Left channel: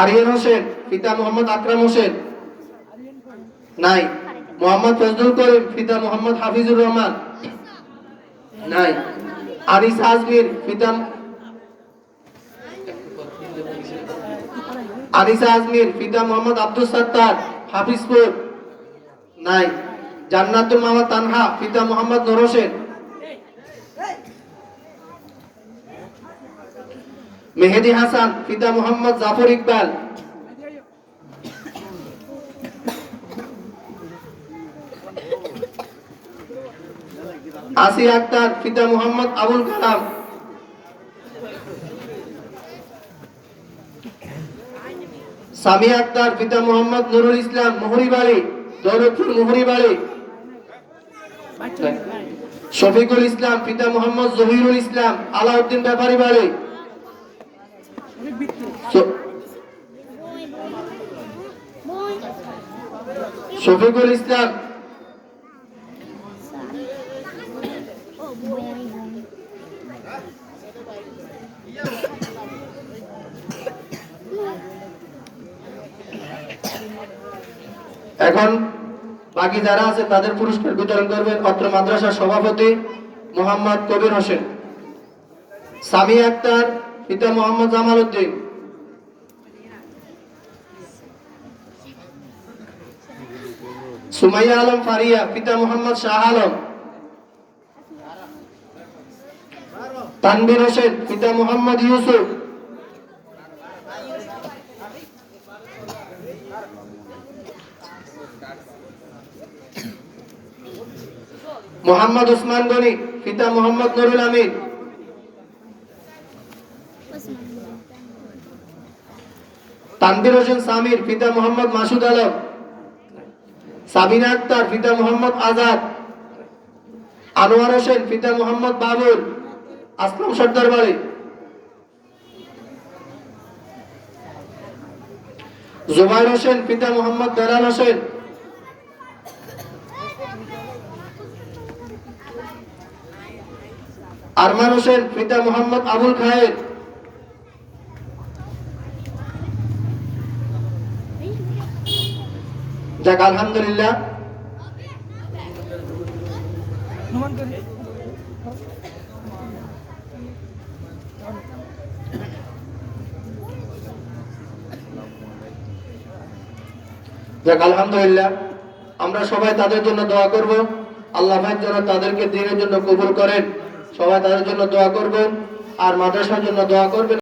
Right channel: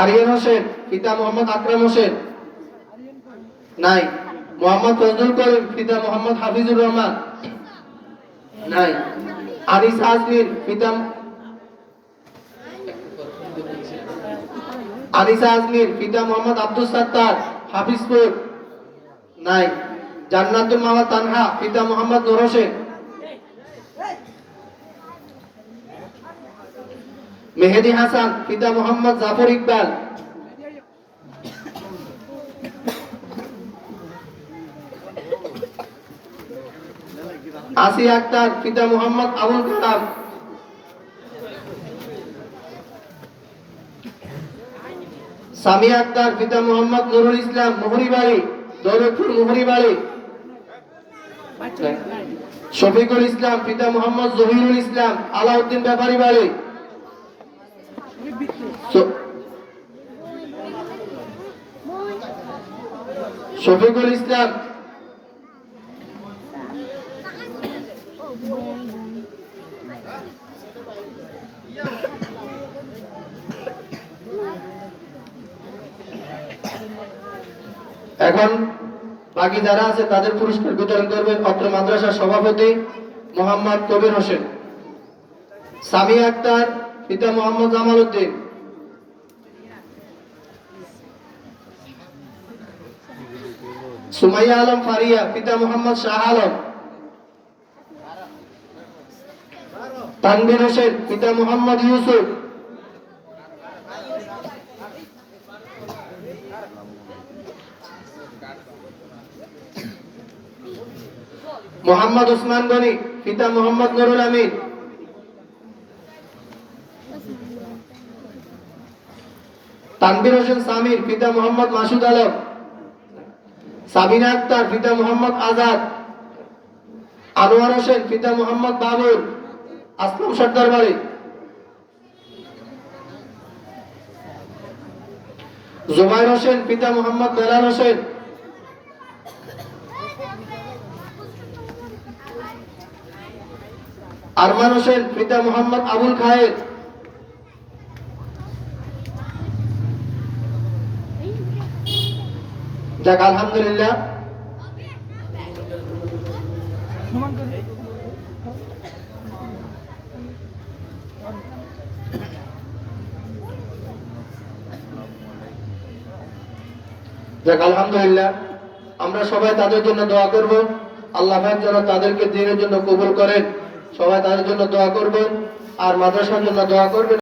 আরিয়ান হোসেন, পিতা মোহাম্মদ আকরাম হোসেন। নাই। মোহাম্মদ ফজলুল করিম, পিতা মোহাম্মদ হাফিজুর রহমান। নাই। আনিসা আজমির, পিতা মোহাম্মদ আব্দুল সাত্তার, হাফিজপুর। নাই। জান্নাতুল মাওয়া তানহা, পিতা মোহাম্মদ নূর হোসেন। মেহেদি হাসান, পিতা মোহাম্মদ জাফর ইকবাল। আসিয়া আক্তার, পিতা মোহাম্মদ আবুল কালাম। সামিয়া আক্তার, পিতা মোহাম্মদ নুরুল ইসলাম, মোহরিবাড়ি, দৌলতপুর মোহরিবাড়ি। শফিকুল ইসলাম, পিতা মোহাম্মদ জহিরুল ইসলাম, আলাউদ্দিন ব্যাপারী বাড়ি। শফিকুল ইসলাম। এখন বাকি যারা আছে তাদের পুরস্কার বিতরণ করবেন অত্র মাদ্রাসার সভাপতি মোহাম্মদ কবির হোসেন। সামিয়া আক্তার, পিতা মোহাম্মদ জামাল উদ্দিন। সুমাইয়া আলম ফারিয়া, পিতা মোহাম্মদ শাহ আলম। তানভীর হোসেন, পিতা মোহাম্মদ ইউসুফ। মোহাম্মদ ওসমান গনি, পিতা মোহাম্মদ নুরুল আমিন। তানভীর হোসেন সামির, পিতা মোহাম্মদ মাসুদ আলম। সাবিনা আক্তার, পিতা মোহাম্মদ আজাদ। আনোয়ার হোসেন, পিতা মোহাম্মদ বাবুল, আসলাম সর্দার বাড়ি। জুবাইর হোসেন, পিতা মোহাম্মদ বেলাল হোসেন। আরমান হোসেন, পিতা মোহাম্মদ আবুল খায়ের। যাক আলহামদুলিল্লাহ। যাক আলহামদুলিল্লাহ, আমরা সবাই তাদের জন্য দোয়া করব। আল্লাহ পাক যেন তাদেরকে দিনের জন্য কবুল করেন। সবাই তাদের জন্য দোয়া করবেন আর মাদ্রাসার জন্য দোয়া করবেন।